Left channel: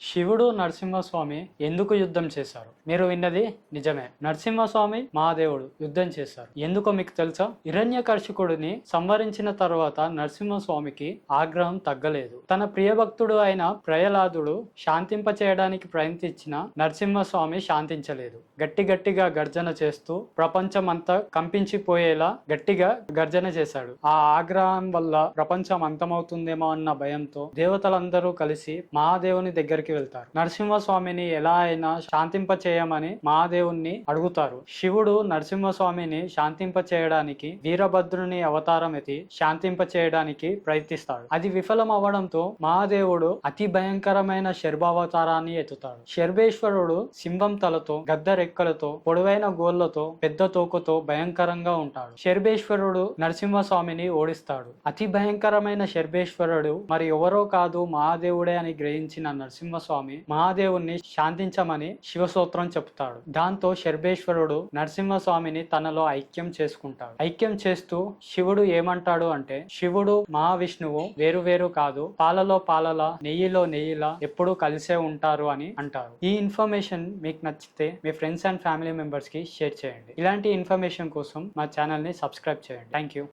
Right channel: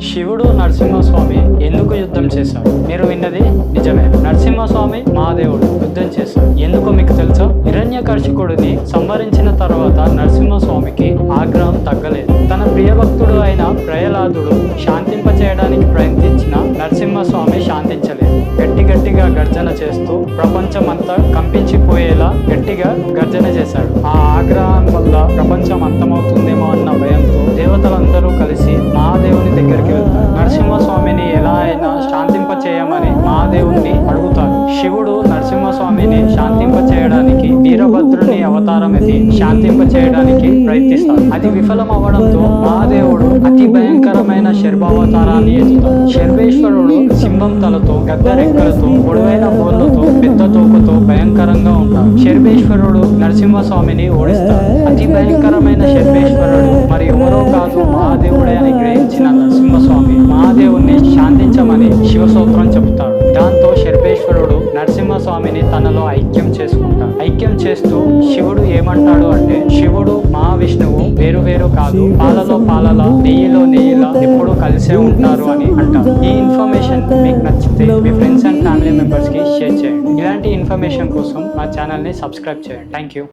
శివుడు నరసింహస్వామి ఎందుకు యుద్ధం చేశాడు? మీరు విన్నది నిజమే. నరసింహస్వామి మహాదేవుడు యుద్ధం చేశాడు. ఎందుకో మీకు తెలుసా? హిరణ్యకర్షకుడిని సంహరించిన తర్వాత నరసింహస్వామికి ఆగ్రహం తగ్గలేదు. తన ప్రియభక్తుడు అయిన ప్రయలాదుడు శాంతింప చేయడానికి ప్రయత్నించిన నరసింహస్వామి శాంతించలేదు. గట్టి గట్టిగా గర్జన చేస్తూ ప్రపంచమంతా కంపించిపోయేలా గట్టిగా గర్జన చేశాడు. ఆ ఆగ్రహం వల్ల ప్రపంచం అంతమవుతుందేమో అన్న భయంతో దేవతలందరూ కలిసి మహాదేవుని దగ్గరికి వెళ్తారు నరసింహస్వామిని ఎలా అయినా శాంతింప చేయమని మహాదేవుణ్ణి అడుగుతారు శివుడు నరసింహస్వామిని శాంతింప చేయడానికి వీరభద్రుని అవతారం ఎత్తి శాంతింప చేయడానికి ప్రయత్నిస్తాడు. అది విఫలం అవ్వడంతో మహాదేవుడు అతి భయంకరమైన శర్భావతారాన్ని ఎత్తుతాడు. శర్వేశ్వరుడు సింహం తలతో గద్ద రెక్కలతో పొడవైన బోర్లతో తోకతో భయంకరంగా ఉంటాడు. శర్భేశ్వరుడు నరసింహస్వామిని ఓడిస్తాడు. అతి భయంకరమైన శర్భేశ్వరుడు మరి ఎవరో కాదు మహాదేవుడే అని గ్రహించిన నరసింహస్వామి. మహాదేవుణ్ణి శాంతించమని శివసూత్రం చెబుతాడు. దాంతో శర్భేశ్వరుడు నరసింహస్వామిని తనలో ఐక్యం చేసుకుంటాడు. ఐక్యం చేస్తూ శివుడు ఏమంటాడు అంటే శివుడు మహావిష్ణు వేరు వేరు కాదు పాలలో పాలలో నెయ్యిలో నెయ్యిలా ఎప్పుడూ కలిసే ఉంటారు అని అంటారు. ఈ ఇన్ఫర్మేషన్ మీకు నచ్చితే మీ ఫ్రెండ్స్ అండ్ ఫ్యామిలీ మెంబర్స్కి షేర్ చేయండి. ఇలాంటి ఇన్ఫర్మేషన్ కోసం మా ఛానల్ని సబ్స్క్రైబ్ చేయండి. Thank you